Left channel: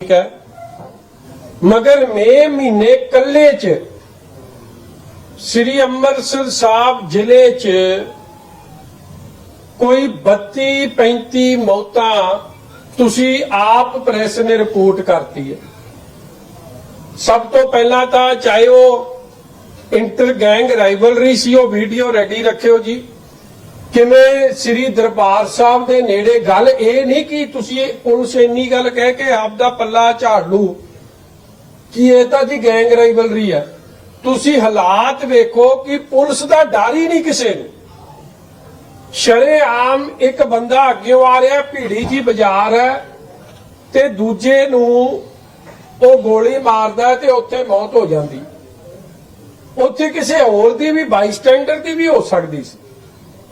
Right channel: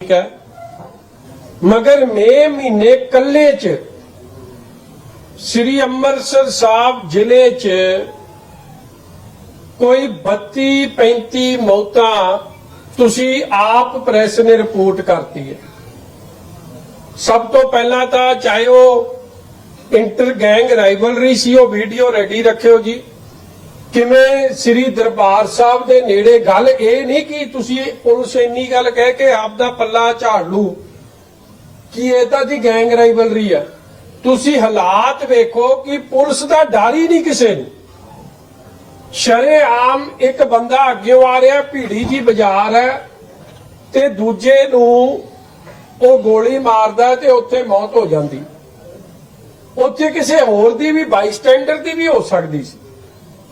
ਠੀਕ ਹੈ? ਮਗਰ ਮੇ ਮਹੀਨੇ ਕੱਲੇ ਚ ਸ੍ਰੀ ਅੰਮ੍ਰਿਤਸਰ ਸਾਹਿਬ ਜ਼ਿਲ੍ਹੇ ਚ ਕੋਈ 32 35 ਮੌਤਾਂ ਤੁਸੀਂ ਆਪ ਪ੍ਰੈਸ ਨੇ ਰਿਪੋਰਟ ਕਰਤੀ ਹੈ। ਸਭ ਤੋਂ ਪਹਿਲਾਂ ਤਾਂ ਚਾਹੇ ਉਹ ਇੰਟਰ ਗੈਂਗ ਰਾਈਵਲਰੀ ਸੀ, ਉਹ ਵੀਡੀਓ ਰੈਡੀ ਰੱਖਿਓ ਜੀ। ਕਿਵੇਂ ਸ੍ਰੀ ਦਰਬਾਰ ਸਾਹਿਬ ਦੇ ਨੇੜੇ ਗੱਲ ਇਹ ਨਹੀਂ ਕਿ ਤੁਸੀਂ ਪੁਲਿਸ ਇੰਨੀ ਗੱਲ ਕਹਿ ਕੇ ਆਪ ਦਾ ਪੱਲਾ ਝਾੜ ਲੂ ਕਿ ਇਹ ਤਾਂ ਜੀ ਗੈਂਗ ਰਾਈਵਲਰੀ ਆ। ਤੁਸੀਂ ਹਾਲਾਤ ਵੇਖੋ ਕਿ ਪੁਲਿਸ ਦਾ ਡਰ ਹੀ ਨਹੀਂ ਕਿਸੇ ਨੂੰ। ਸ਼ਰੇਆਮ ਇੱਕ ਬੰਦਾ ਅੱਗੇ ਆ ਰਿਹਾ, ਭੀੜੀ ਜੀ ਬਾਜ਼ਾਰ ਹੈ ਤੇ ਦੂਜੇ ਨੂੰ ਉਹ ਗੋਲੀ ਮਾਰਦਾ ਤੇ ਉੱਥੇ ਮੌਤ ਹੋ ਜਾਂਦੀ। ਉੱਥੇ ਕਿਸੇ ਹੋਰ ਦੀ ਵੀ, ਬਾਈਸਟੈਂਡਰ ਦੀ ਵੀ ਹੋ ਸਕਦੀ ਸੀ।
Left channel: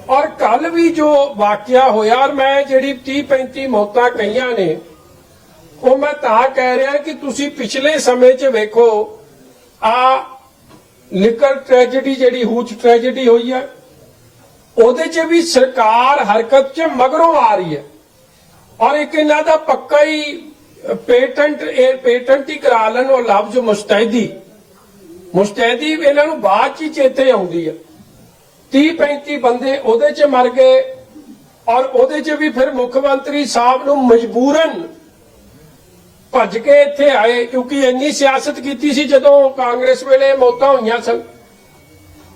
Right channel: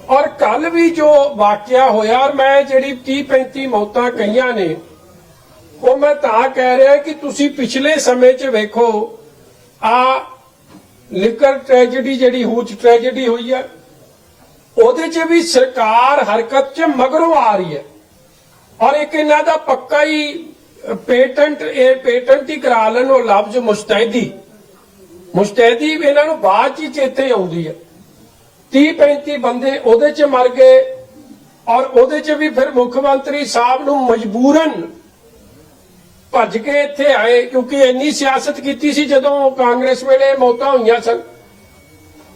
ਔਰ ਕੱਲ ਵੀ ਜੋ ਵਾਕਿਆ ਹੋਇਆ ਔਰ ਮੈਂ ਜਿਹੜੀ 30 35 ਮੌਤਾਂ ਕਹੀਆਂ ਨੇ, ਉਹ ਮੈਂ ਤਾਂ ਕਹਿ ਰਿਹਾ ਕਿ ਤੁਸੀਂ ਪਿਛਲੇ ਸਮੇਂ 'ਚ ਵੇਖੋ, ਆ ਲਿਕਰ ਟ੍ਰੈਜੇਡੀ ਜਿਹੜੀ ਹੂਚ ਟ੍ਰੈਜੇਡੀ ਹੋਈ ਹੈ, ਉਹਦੇ 'ਚ ਵੀ ਸਰਕਾਰ ਹਰਕਤ 'ਚ ਮਗਰੋਂ ਆ ਰਹੀ ਹੈ। ਔਰ ਇੱਕ ਇਹਨਾਂ ਦਾ ਪੱਕਾ ਹੀ ਪੇਟੈਂਟ, ਇਹ ਪੇਟੈਂਟ ਹੀ ਕਰਾ ਲੈਣ ਉਹ ਲਫ਼ਜ਼ ਮੁਸਤੈਦੀ। ਮੁਸਤੈਦੀ ਇਹਨਾਂ ਨੂੰ ਬਾਅਦ 'ਚ ਚੇਤੇ ਆਉਂਦੀ ਹੈ। 30 35 ਬੰਦੇ ਉਹਦੇ 'ਚ ਮਰ ਗਏ ਔਰ ਉਹਦੇ 'ਚ ਵੀ ਫਿਰ ਮੁੱਖ ਮੰਤਰੀ ਸਾਹਿਬ ਨੂੰ ਮਜਬੂਰਨ ਭੱਜ ਕੇ ਇੱਥੇ ਆਏ ਕਿਉਂਕਿ ਇੰਨੀ ਸਿਆਸਤ ਕੀਤੀ ਸੀ ਜਦੋਂ ਕਾਂਗਰਸ ਵੇਲੇ ਮੌਤਾਂ ਹੋਈਆਂ ਸਨ।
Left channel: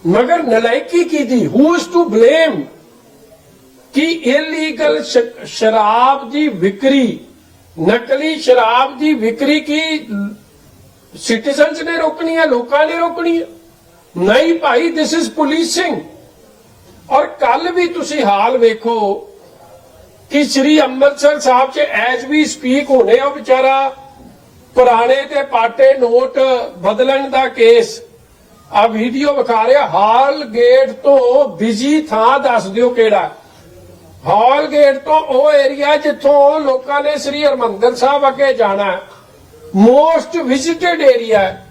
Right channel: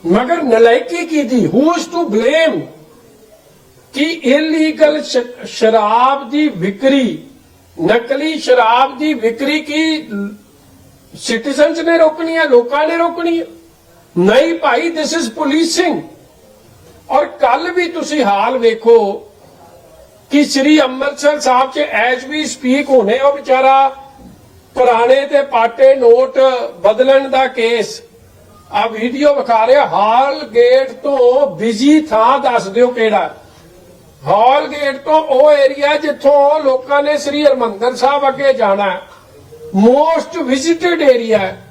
ਮਗਰ ਨਲਾਇਕੀ ਕੀਤੀ ਹੂ ਇਜ਼ ਟੂ ਬਲੇਮ ਕਿ ਇਲੀਗਲ ਸ਼ਰਾਬ ਦੀ ਵਿਕਰੀ, ਨਕਲੀ ਸ਼ਰਾਬ ਦੀ ਵਿਕਰੀ ਕੀ ਸਿਟੀਜ਼ਨਸ ਨੇ ਰੋਕਣੀ ਹੈ ਲੋਕਾਂ ਨੇ ਰੋਕਣੀ ਹੈ ਨਹੀਂ ਭਾਈ ਦਿਸ ਇਜ਼ ਪੁਲਿਸਿੰਗ ਔਰ ਕੱਲ ਵੀ ਤੁਸੀਂ ਹਾਲ ਵੇਖੋ ਕਿ ਸ੍ਰੀ ਅੰਮ੍ਰਿਤਸਰ ਸਾਹਿਬ 'ਚ ਐਜ ਵੀ ਸਪੀਕ ਹੋਣੇ ਉਹ ਵਿਚਾਰਾ ਪੁਰਾਣੇ ਤੇ ਪਾਟੇ ਨੋਟ ਬਦਲਣ ਦਾ ਕੇਸ। ਆ ਵੀਡੀਓ ਵਿਖਾ ਰਿਹਾ, ਹਾਲ ਗੇਟ ਤੋਂ ਬਿਜ਼ੀ ਥਾਂ ਦੱਸ ਦਿਓ ਕਿਹੜਾ। ਹਾਲ ਗੇਟ ਤੋਂ ਉਹ ਏਰੀਆ ਜਿੱਥੋਂ ਲੋਕਾਂ ਨੇ ਸ੍ਰੀ ਹਰਮੰਦਰ ਸਾਹਿਬ ਅੱਗੇ ਜਾਣਾ ਮੋਸਟ ਵਿਜ਼ਿਟਡ ਏਰੀਆ ਹੈ।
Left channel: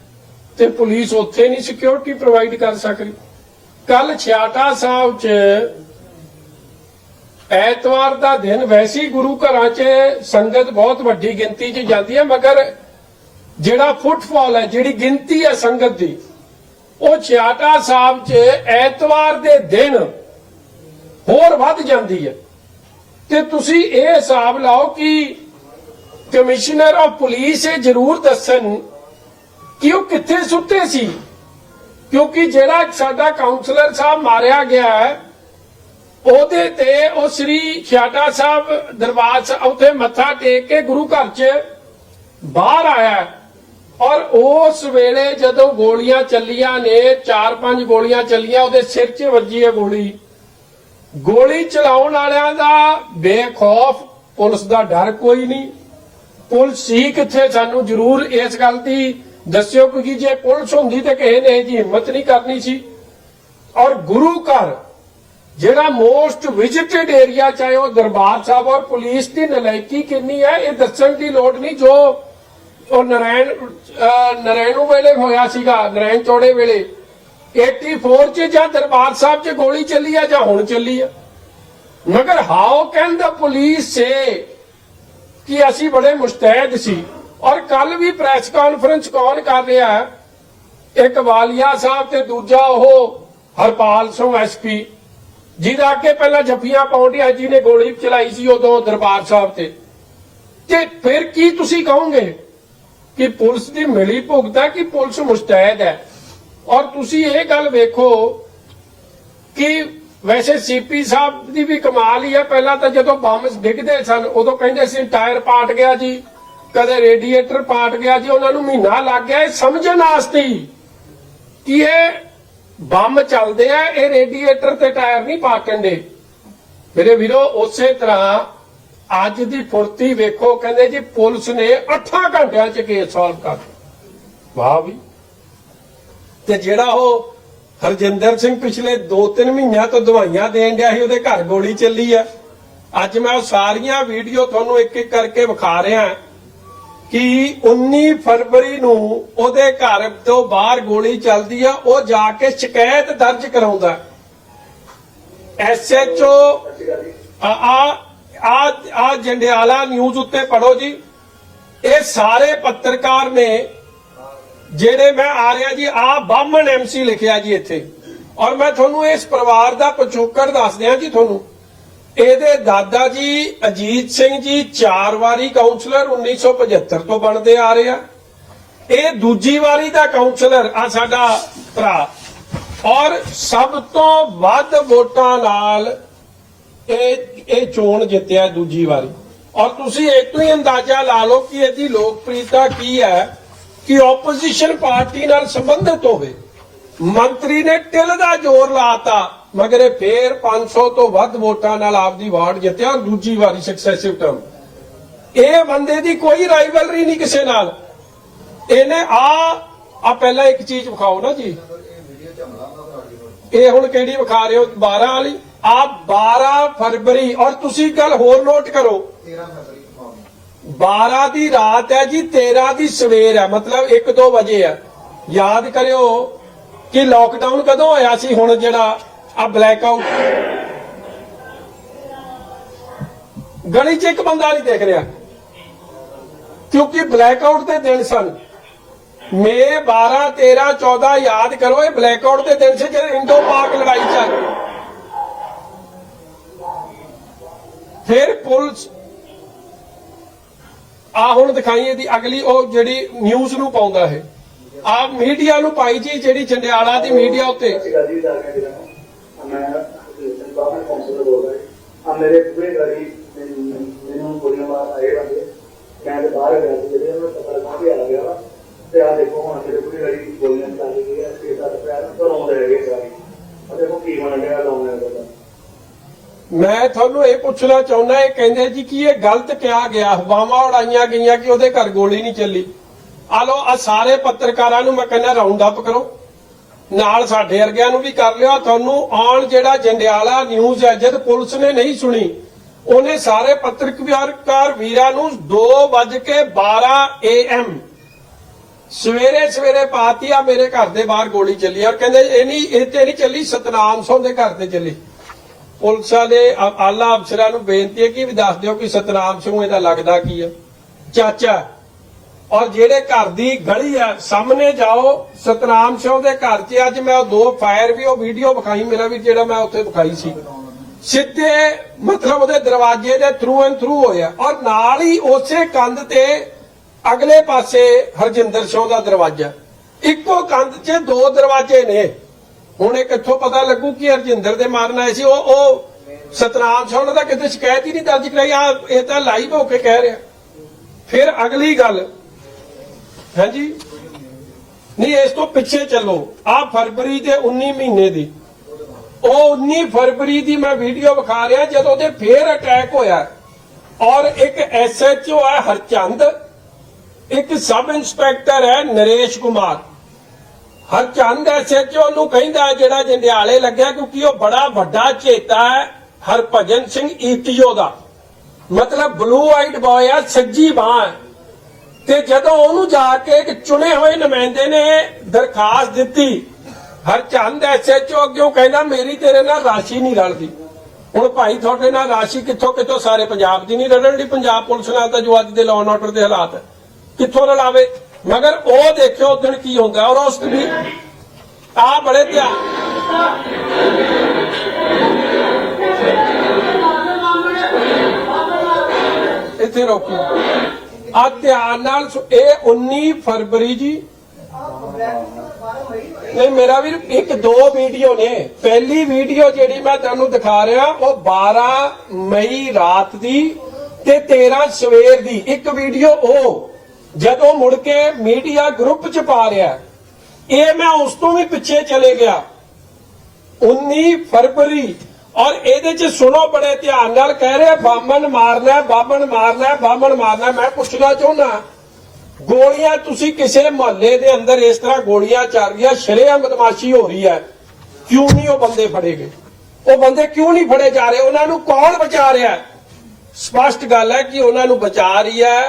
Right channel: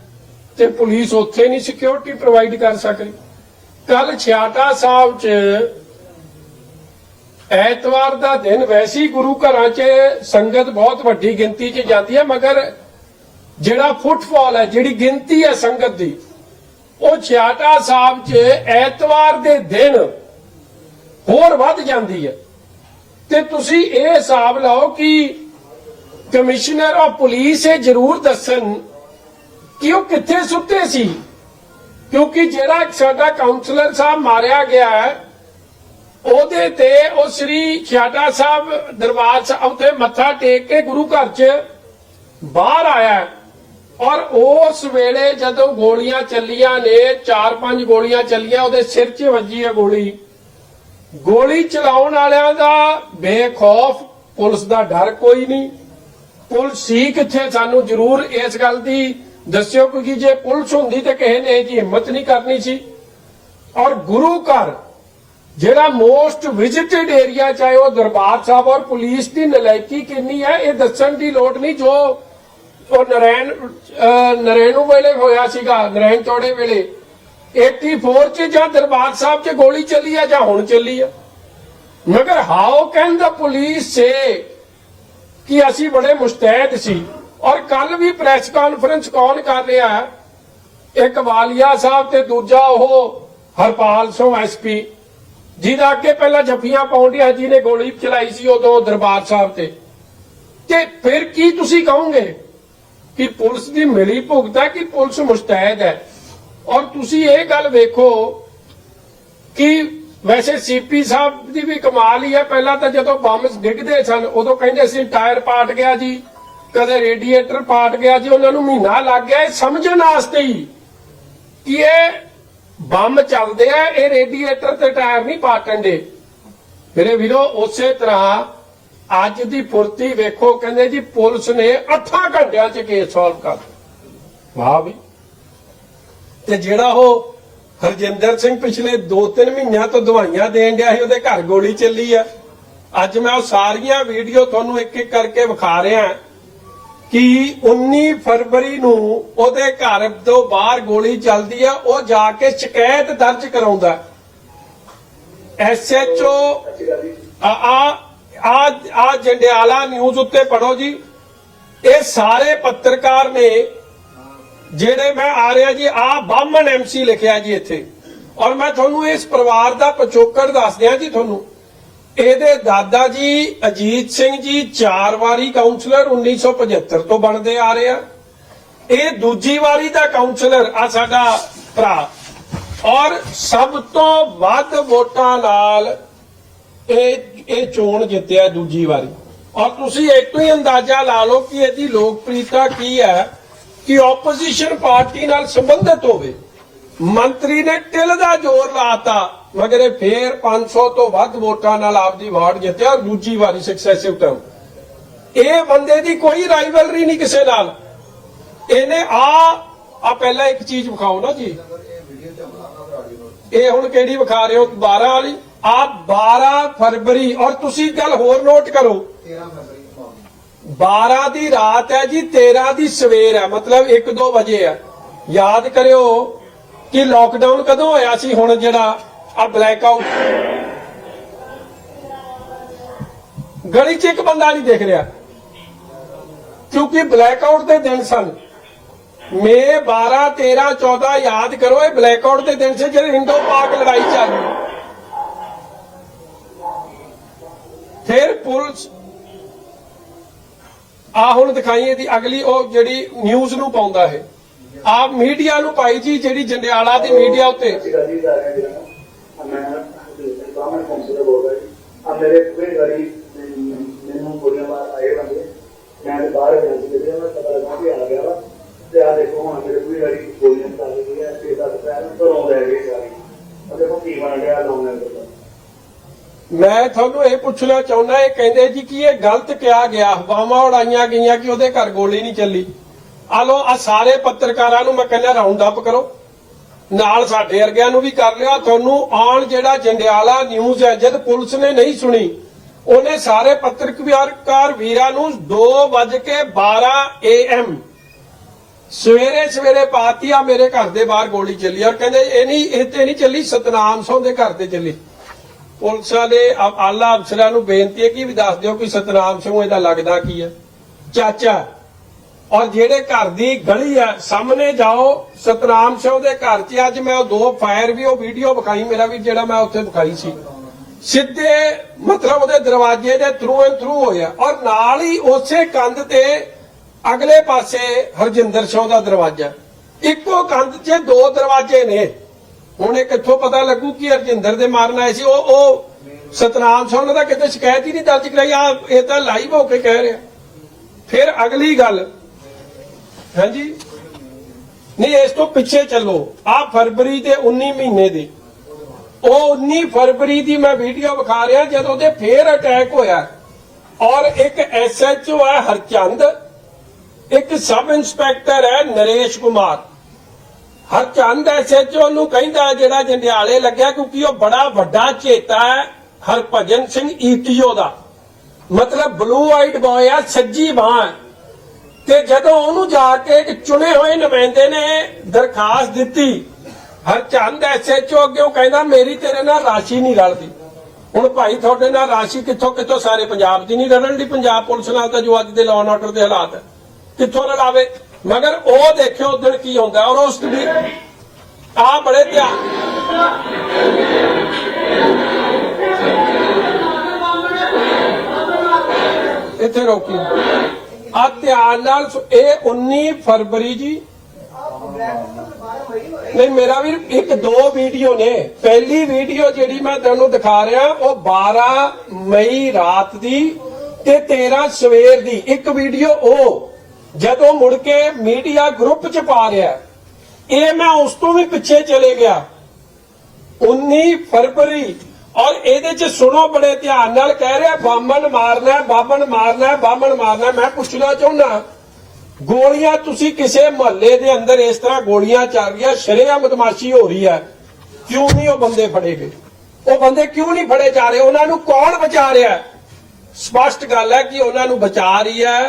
ਤੇ ਪੁਲਿਸ ਉੱਥੇ ਨਹੀਂ ਸਿਕਿਉਰਿਟੀ ਪ੍ਰੋਵਾਈਡ ਕਰ ਸਕਦੀ। ਕੱਲ ਛਿਆਟਾ ਸਾਹਿਬ 'ਚ ਐਤਵਾਰ ਦਾ ਦਿਨ ਵੈਸੇ ਹੀ ਗੁਰੂ ਘਰਾਂ 'ਚ ਸੰਗਤ ਬਹੁਤ ਵੱਡੀ ਗਿਣਤੀ 'ਚ ਜਾਂਦੀ ਹੈ, ਮਗਰ ਜਿਹੜਾ ਫੁੱਟਫਾਲ ਹੈ, ਜਿਹੜੀ ਗਿਣਤੀ ਹੈ ਸੰਗਤ ਦੀ, ਉਹ ਛਿਆਟਾ ਸਾਹਿਬ 'ਚ ਐਤਵਾਰ ਦੇ ਦਿਨ ਹੋਰ ਵੱਧ ਜਾਂਦੀ ਹੈ। ਤੇ ਤੁਸੀਂ ਇਹ ਹਿਸਾਬ ਲਾਓ ਕਿ ਕਮਿਸ਼ਨਰ ਆਫ ਪੁਲਿਸ ਇਹ ਜ਼ਰੂਰ ਦੱਸਣ ਕਿ ਉਹ ਕਿੱਥੇ ਸੁੱਤੇ ਸੀ? ਕਿਉਂਕਿ ਜਿਹੜਾ ਸਾਡਾ ਕਾਉਂਸਲਰ ਸਾਹਿਬ ਮਾਰਿਆ ਗਿਆ ਹੈ, ਉਹਦੇ ਤੇ ਉਹ ਸ੍ਰੀ ਛਿਆਟਾ ਸਾਹਿਬ ਦਰਬਾਰ ਸਾਹਿਬ ਉੱਥੇ ਮੱਥਾ ਟੇਕ ਕੇ ਗੁਰੂ ਘਰ 'ਚ ਬਾਹਰ ਆਇਆ ਔਰ ਉਸ ਵੇਲੇ ਜਦੋਂ ਗੋਲੀਆਂ ਚੱਲੀਆਂ ਨੇ, ਚਾਰ ਪੰਜ ਗੋਲੀਆਂ ਚੱਲੀਆਂ, ਉਹਦੇ ਸਿਰ 'ਚ ਵੱਜੀ ਹੈ ਗੋਲੀ। ਗੋਲੀ ਚਲਾਉਣ ਵਾਲਿਆਂ ਦਾ ਬੇਖੌਫ ਪੁਲਿਸ ਦਾ ਡਰ ਕੋਈ ਨਹੀਂ। ਪੁਲਿਸ ਸੀ ਕਿੱਥੇ? ਸਾਨੂੰ ਜ਼ਰੂਰ ਇਸ ਗੱਲ ਦੀ ਦੱਸਿਓ ਕਿਉਂਕਿ ਜੇ ਪੁਲਿਸ ਹੁੰਦੀ ਤੇ ਕਿਸੇ ਨੇ ਜੀ ਹਿੰਮਤ ਨਹੀਂ ਕਰਨੀ ਸੀ। ਔਰ ਗੁਰੂ ਘਰ, ਜਿਹੜਾ ਮੋਸਟ ਵਿਜ਼ਿਟਡ ਏਰੀਆ ਚਾਹੇ ਉਹ ਦਰਬਾਰ ਸਾਹਿਬ ਔਰ ਪੁਲਿਸ ਦੀ ਨਲਾਇਕੀ ਕਿੰਨੀ ਹੈ, ਇਹ ਦੱਸਣ ਦੀ ਲੋੜ ਨਹੀਂ। ਜੋ ਉਹ ਨਰੈਣ, ਅਹ, ਨਰੈਣੂ ਵੇਲੇ ਹੋਇਆ ਸੀਗਾ, ਨਰੈਣ ਚੌੜੇ ਵੇਲੇ 84 ਚ ਜਾਂ ਦਰਬਾਰ ਸਾਹਿਬ 'ਚ ਗੋਲੀ ਚੱਲੀ ਆ ਜਾਂ ਹੁਣ ਚੱਲੀ ਆ। ਮਗਰ how can the police say ਕਿ ਅਸੀਂ ਬੜੇ ਮੁਸਤੈਦ ਸੀ? ਔਰ ਕੱਲ ਵੀ ਪ੍ਰੈਸ ਕਾਨਫਰੰਸ ਕੌਣ ਕਰ ਰਿਹਾ ਹੈ? ਇੱਕ ਵਾਲੀਆ ਸਾਹਿਬ ਤੇ ਦੂਜਾ ਉਹ ਹਰਪਾਲ ਸਿੰਘ ਐਸਪੀ ਜਿਹਦਾ ਅੱਗੇ ਪਹਿਲਾਂ ਜੱਫੀਆਂ ਪਾਉਂਦਿਆ ਜੀ ਨੇ ਗੋਲੀ ਚਲਾਈ ਸੀ, ਉਦੋਂ ਦਰਬਾਰ ਸਾਹਿਬ ਤੇ। ਤੇ ਫਿਰ ਕੀ ਤੁਸੀਂ ਕਹੋਗੇ ਕਿ ਪੁਲਿਸ ਦੀ ਮਿਲੀ ਭੁਗਤਾ ਕਿ ਪੁਲਿਸ ਮੁਸਤੈਦ ਹੈ? ਔਰ ਤੁਸੀਂ ਇਹ ਗੱਲ ਵੇਖੋ ਕਿ ਵੈਸੇ ਸੀਪੀ ਸਾਹਿਬ ਦੀ ਵੀ ਕਮਾਲ ਹੀ ਆ ਪਹਿਲਾਂ ਤਾਂ ਜਦੋਂ ਬੰਬ ਡਿੱਗਦੇ ਸਨ, ਉਦੋਂ ਕਹਿੰਦੇ ਸੀ, ਟਾਇਰ ਪਾਟ ਗਿਆ ਜੀ। ਕਦੇ ਰੇਡੀਏਟਰ ਪਾਟ ਗਿਆ ਜੀ, ਉਹਨਾਂ ਨੂੰ ਮਹੀਨਾ ਲੱਗ ਗਿਆ, ਇਹ ਸਮਝਣ ਵਾਸਤੇ ਹੀ ਕਿ ਇਹ ਬੰਬ ਚੱਲਦੇ ਆ, ਇਹ ਰੇਡੀਏਟਰ ਤੇ ਟਾਇਰ ਨਹੀਂ ਪਾਟਣ ਦੇ। ਮੇਰੇ ਵੀਰੋ, ਉਸੇ ਤਰ੍ਹਾਂ ਅੱਜ ਦੀ ਫੁਰਤੀ ਵੇਖੋ, ਕਹਿੰਦੇ ਜੀ, ਪੁਲਿਸ ਨੇ 8 ਘੰਟਿਆਂ ਚ ਕੇਸ ਸੋਲਵ ਕਰ ਵਾਹ ਵੀ। ਤੇ ਜਿਹੜਾ ਉਹ ਹਰਜਿੰਦਰ ਸਿੰਘ ਪਿਛਲੇ 2-3 ਮਹੀਨਿਆਂ ਤੋਂ ਦਵਾਈਆਂ ਦੇਣ ਡਿਆ ਸੀ, ਉਹਦੇ ਘਰ ਗੋਲੀ ਚੱਲੀ ਆ। ਅੱਜ ਮੈਂ ਉਹ ਸਾਰੀਆਂ ਵੀਡੀਓ ਤੁਹਾਨੂੰ ਇੱਕ ਇੱਕ ਕਰਕੇ ਵਿਖਾ ਰਿਹਾ। ਕਿ 19 ਫਰਵਰੀ ਨੂੰ ਉਹਦੇ ਘਰ ਤੋਂ ਬਾਹਰ ਗੋਲੀ ਚੱਲਦੀ ਆ, ਉਹ ਜਾ ਕੇ ਸ਼ਿਕਾਇਤ ਦਰਜ ਕਰਾਉਂਦਾ। ਐਸਐਚਓ, ਆ ਆ, ਆ- ਜੰਡਿਆਲਾ ਨਿਊਜ਼ ਉੱਤੇ ਪੜੋ ਜੀ। ਇਹ ਸਾਰੇ ਪੱਤਰਕਾਰ ਨੇ ਜਿਹੜੇ ਮੈਂ ਆ ਰਿਹਾ ਜੀ, ਆ ਬਾਹਮਣ ਐਮਸੀ ਲਿਖਿਆ ਜੀ ਇੱਥੇ। ਔਰ ਮੈਂ ਤੁਹਾਨੂੰ ਇਸ ਪਰਿਵਾਰ ਦਾ ਪਿਛੋਕੜ ਦੱਸ ਦਿਆਂ ਜੀ ਤੁਹਾਨੂੰ। ਇਹਦੇ ਦਾਦਾ ਜੀ ਅਜੀਤ ਸਿੰਘ ਜੀ ਚਾਰ ਵਾਰੀ ਕਾਉਂਸਲਰ 1975 ਤੋਂ ਬਣਦੇ ਆ ਰਹੇ ਆ। ਇਹ ਦੂਜੀ ਵਾਰੀ ਦਾ ਕਾਉਂਸਲਰ ਆ ਸਾਡਾ ਭਰਾ। ਔਰ ਸਭ ਤੋਂ ਵੱਧ ਵੋਟਾਂ ਨਾਲ ਇਹ ਇਹ ਚੋਣ ਜਿੱਤਿਆ ਦੂਜੀ ਵਾਰੀ। ਔਰ ਤੁਸੀਂ ਇੱਕ ਹੀ ਅੰਦਾਜ਼ਾ ਲਾ ਲਓ ਕਿ ਇਹਦੀ ਲੋਕਪ੍ਰਿਯਤਾ ਕੀ ਹੈ ਕਿ ਆਪੋਜੀਸ਼ਨ ਪਾਰਟੀ ਨਾਲ ਸੰਬੰਧਿਤ ਹੋਵੇ। ਮੰਤਰੀ ਨੇ ਟਿਲ ਦਾ ਜ਼ੋਰ ਲਾਤਾ। ਮਗਰ ਇਹ ਫੇਰ 500 ਤੋਂ ਵੱਧ ਵੋਟਾਂ ਨਾਲ ਆਪਦੀ ਵਾਰਡ ਜਿੱਤਿਆ ਔਰ ਦੂਜੀ ਵਾਰੀ ਸਕਸੈਸਿਵ ਟਰਮ ਇਹ ਬੰਦੇ ਦੀ ਕੋਈ ਰਾਈਵਲਰੀ ਨਹੀਂ ਕਿਸੇ ਨਾਲ। ਇਹਨੇ ਆ ਆ ਪਹਿਲਾਂ ਇੱਕ ਚੀਜ਼ ਵਿਖਾਓ ਨਾ ਜੀ। ਇਹ ਹੁਣ ਕਿਹੜੀ ਵਿਖਾ ਰਹੇ ਹੋ? 12 ਵਾਲੀ। ਆ 12 ਫਰਵਰੀ, ਔਰ ਤੁਸੀਂ ਗੱਲ ਹੋਰ ਨੋਟ ਕਰੋ। 12 ਦੀ ਰਾਤ ਹੈ ਜੀ 13 ਦੀ ਸਵੇਰ ਹੈ। ਮਤਲਬ 1-2 ਵਜੇ ਹੈ। ਯਾਦ ਕਰਿਓ ਕਿ ਲਾਕਡਾਊਨ ਕਦੋਂ ਹੋਇਆ ਸੀ? ਹੁਣ ਜਿਹੜਾ ਆ ਬਲੈਕ ਆਊਟ ਗਲੀ 'ਚ ਇੱਕ ਬੰਦਾ ਨਹੀਂ ਦੇਖ ਰਿਹਾ। ਕਿਉਂਕਿ ਬਲੈਕ ਆਊਟ ਦੇ ਦਿਨ ਸਨ। ਮੇ 12 13 14 ਯਾਦ ਕਰੋ, ਇਹ ਬਲੈਕ ਆਊਟ ਦੇ ਦਿਨ ਸੀ ਜਿਹੜੇ ਹਿੰਦੂ ਪਾਕ ਲੜਾਈ ਚੱਲ ਗਈ ਫਿਰ ਪੁਲਿਸ ਆ ਹੁਣ ਦਿਖਾਈਏ ਦੀ ਅਗਲੀ, ਉਹ ਜਿਹੜੀ ਨਿਊਜ਼ ਨੂੰ ਪਾਉਂਦਾ ਹੈ ਆ ਮੀਡੀਆ ਨੂੰ ਪਾਈ ਜੀ, ਜਿਹੜੀ ਜੰਡਿਆਲਾ ਦੀ ਮੀਡੀਆ ਉੱਤੇ ਗਲੀ ਦਾ ਹੈ ਜਿਹੜਾ ਮੈਂ ਬਾਹਰ ਕਾਉਂਸਲਰ ਹੋ ਗਿਆ ਆ ਮੇਰੇ ਪੂਰੇ ਮੈਨੂੰ ਕੁੜੀਆਂ ਬਾਹਰ ਆਏ ਹੋਣਗੇ ਮੈਂ ਤੇ ਬਾਹਰ ਗਿਆ ਸੀ ਜਿਹੜੇ ਮੈਂ ਪਤਾ ਲੱਗਾ ਕਿ ਆ ਗਿਆ ਵਾ। ਤੇ ਆ ਦੇਖੋ, ਹੁਣ ਮੇਰੇ ਪੂਰੀ ਗਲੀ ਗੋਲੀਆਂ ਚੱਲ ਗਈ ਤੇ ਬਸ ਪੈਰ ਘਰੋਂ ਲੈ ਗਏ ਗਾੜੀ ਉਹ ਦੇਖੋ ਕੀ ਬਣ ਗਿਆ ਲਾਉਣੇ ਦਾ ਮੈਂ ਤੁਹਾਨੂੰ ਇਹ ਪੁੱਛਣਾ ਚਾਹੁੰਦਾ, ਇਹ ਕਹਿੰਦੇ ਜੀ ਕਿ ਇਹ ਗਲਤ ਕਿਹਾ ਗਿਆ ਹਵਾਵਾਂ ਉਡਾਈਆਂ ਗਈਆਂ ਕਿ ਉਹਦੇ ਘਰ ਗੋਲੀ ਨਹੀਂ ਚੱਲੀ। ਆ ਲੋ ਆ ਸਾਰੇ ਪੱਤਰਕਾਰਾਂ ਨੂੰ ਮੈਂ ਕਹਿੰਦਾ ਰਾਉਂਡ ਅਪ ਕਰੋ। ਨਾਲ ਸਾਡੇ ਵਰਗਿਆਂ ਨੂੰ ਵੀ ਕਰ ਲਿਆ ਤੁਹਾਨੂੰ ਆਉਣ ਜਿਹੜਾ ਜੰਡਿਆਲਾ ਨਿਊਜ਼ ਹੈ, ਜਦ ਪੁਲਿਸ ਨੇ ਨਹੀਂ ਸੁਣੀ ਉਹਨੇ ਸਾਰੇ ਪੱਤਰਕਾਰ ਵੀਰਾਂ ਨੂੰ 2:12 ਏਐਮ ਸਵੇਰੇ ਸਵੇਰੇ ਪਾਤੀ ਆ ਮੇਰੇ ਘਰ ਦੇ ਬਾਹਰ ਗੋਲੀ ਚੱਲੀ ਔਰ ਕਹਿੰਦੇ ਇਹ ਨਹੀਂ, ਇਹ ਤੇ ਨਹੀਂ ਚੱਲੀ, ਸਤਨਾਮ ਸਿੰਘ ਦੇ ਘਰ ਤੇ ਚੱਲੀ। ਪੁਲਿਸ ਦੇ ਆਲਾ ਅਫਸਰਾਂ ਨੂੰ ਬੇਨਤੀ ਹੈ ਕਿ ਵੀ ਦੱਸ ਦਿਓ ਕਿ ਸਤਨਾਮ ਸਿੰਘ ਇਹਦਾ ਲੱਗਦਾ ਕੀ ਹੈ ਚਾਚਾ, ਔਰ ਜਿਹੜੇ ਘਰ ਦੀ ਗਲੀ ਆ, ਸਾਹਮਣੇ ਜਾਓ, ਸਤਨਾਮ ਸਿੰਘ ਦੇ ਘਰ 'ਚ ਅੱਜ ਮੈਂ ਉਹ ਦੋ ਫਾਇਰ ਵੀ, ਉਹ ਵੀਡੀਓ ਵਿਖਾਈ ਮੇਰਾ ਵੀ, ਜਿਹੜਾ ਮੈਂ ਉੱਥੇ ਵਿਖਾਈ ਸੀ। ਸਿੱਧੇ ਮਤਲਬ ਉਹਦੇ ਦਰਵਾਜ਼ੇ ਦੇ ਥਰੂ ਐਂਡ ਥਰੂ ਹੋਇਆ। ਔਰ ਨਾਲ ਹੀ ਉਸੇ ਕੰਧ ਤੇ ਅਗਲੇ ਪਾਸੇ ਹਰਜਿੰਦਰ ਸੋਹ ਦਾ ਦਰਵਾਜ਼ਾ। ਇੱਕੋ ਕੰਧ 'ਚ ਦੋ ਦਰਵਾਜ਼ੇ ਨੇ। ਹੁਣ ਇਹ ਕਿੱਥੋਂ ਪਤਾ ਲੱਗੂ ਕਿ ਹਰਜਿੰਦਰ ਦੇ ਮਾਰਨ ਆਏ ਸੀ? ਉਹ ਉਹ ਸਤਨਾਮ ਸਿੰਘ ਦਾ ਕਿਤੇ ਸ਼ਿਕਾਇਤ ਹੀ ਨਹੀਂ ਦਰਜ ਕਰਾਈ। ਆ ਇਹ ਤਾਂ ਲਾਈਵ ਹੋ ਕੇ ਕਹਿ ਰਿਹਾ। ਫਿਰ ਅਗਲੀ ਗੱਲ। ਹਾਂਜੀ? ਨਹੀਂ, ਇਸ ਤੋਂ ਪਿੱਛੇ ਚੱਲੋ। ਆ ਫਰਵਰੀ ਦੇ 19 ਮਹੀਨੇ ਦੀ। ਉਹ 19 ਫਰਵਰੀ ਦੀ ਮੈਂ ਵੀਡੀਓ ਵਿਖਾ ਰਿਹਾ ਜਦੋਂ ਉਹਦੇ ਫੇਰ ਅਟੈਕ ਹੋਇਆ। ਔਰ ਇੱਕ ਐਸਐਚਓ ਹੈ ਹਰਚੰਦ, ਇੱਕ ਸਬ ਇੰਸਪੈਕਟਰ ਹੈ ਨਰੇਸ਼ ਕੁਮਾਰ। ਹਰਚੰਦ ਐਸਐਚਓ ਨੂੰ ਕਹਿੰਦਾ ਜਿਹੜਾ ਜੰਡਿਆਲੇ ਲੱਗਿਆ ਕਿਉਂਕਿ ਉਹ ਬੜਾ ਵੱਡਾ ਚੇਤਾ ਹੈ ਹਰਭਜਨ ਸਿੰਘ ਈਟੀਓ ਦਾ। ਮਤਲਬ ਬਲੂ ਆਈਡ ਬॉय ਆ, ਸੱਜੀ ਬਾਹ ਤੇ ਜਦੋਂ ਉਹਨੂੰ ਜਾ ਕੇ ਇੱਕ ਚੁਣੇ ਹੋਏ ਨੁਮਾਇੰਦੇ ਨੇ ਦਰਖਾਸਤ ਦਿੱਤੀ ਹਰਚੰਦ ਐਸਐਚਓ ਅੱਗੇ ਕਹਿੰਦਾ ਮੇਰੀ ਤੇਰੇ ਨਾਲ ਰਾਸ਼ੀ ਨਹੀਂ ਰਲਦੀ। ਹੁਣ ਭਾਈ ਤੁਹਾਡੇ ਨਾਲ ਰਾਸ਼ੀ ਕਿੱਥੋਂ ਕਿੱਥੋਂ ਸਾਰੇ ਪੰਜਾਬ ਦੀ ਨਹੀਂ ਰਲਣ ਦੀ? ਪੰਜਾਬ ਪੁਲਿਸ ਨਾਲ ਤਾਂ ਜੋ ਅੱਜ ਦੇ ਲਾਅ ਐਂਡ ਆਰਡਰ ਦੇ ਹਾਲਾਤ ਕਿੱਥੋਂ ਰਲਾਵੇ? ਮਗਰ ਉਹ ਦੇਖਿਓ ਉਦੋਂ ਕੀ ਹੁੰਦਾ ਔਰ ਉਸ ਵੀ ਆ ਬੜੇ ਧਿਆਨ। ਇੱਥੇ ਰੋਕੀ। ਆ ਧਿਆਨ ਨਾਲ ਇਹ 19 ਫਰਵਰੀ ਜੀ ਨਹੀਂ ਮੇਰਾ ਵੀ ਇੱਕ ਦੋ ਵੀਡੀਓ ਨੇ। ਪਹਿਲੀ ਵੀਡੀਓ ਜਿਹੜੀ ਮੈਂ ਤੁਹਾਨੂੰ ਦਿਖਾ ਰਿਹਾ ਉਹ 12 ਮਈ ਰਾਤ ਦੀ ਤੇ 13 ਸਵੇਰ ਦੀ। ਇੱਕ ਵੀਡੀਓ ਉਹ ਜਦੋਂ ਮੁੜ ਕੇ ਮੀਡੀਆ ਗਰੁੱਪ ਚ ਪਾ ਰਿਹਾ। ਇਹ ਮੈਂ ਉਸ ਤੋਂ ਵੀ ਪਿੱਛੇ ਚਲੇ ਗਿਆ। 19 ਫਰਵਰੀ। ਔਰ ਇਹਦੇ ਚ ਸੁਣੋ ਬੜੇ ਧਿਆਨ ਨਾਲ ਕਹਿ ਰਿਹਾ ਬਾਮਣ ਮਾਰਨਾ ਹੈ, ਬਾਮਣ ਮਾਰਨਾ ਹੈ, ਬਾਮਣ ਮਾਰਨਾ। ਮੈਂ ਪੁੱਛਣਾ ਚਾਹੁੰਦਾ ਗੋਲੀਆਂ ਤੁਸੀਂ ਕਿਸੇ ਮੁਹੱਲੇ ਦੇ ਅੰਦਰ ਇਸ ਤਰ੍ਹਾਂ ਗੋਲੀਆਂ ਚੱਲ ਰਹੀਆਂ, ਸ਼ਰੇਆਮ ਬਦਮਾਸ਼ੀ ਹੋ ਰਹੀ ਹੈ। ਕਿਉਂ ਨਹੀਂ ਉਹ ਬੰਦੇ ਫੜੇ ਗਏ? ਉਹ ਬੰਦੇ ਕਿਉਂ ਨਹੀਂ ਫੜੇ ਜਾ ਰਹੇ? ਉਹਨਾਂ ਨੂੰ ਕੌਣ ਬਚਾ ਰਿਹਾ ਸਪਸ਼ਟ ਗੱਲ ਹੈ ਕਿ ਉਹਨਾਂ ਨੂੰ ਬਚਾ ਰਹੀ ਹੈ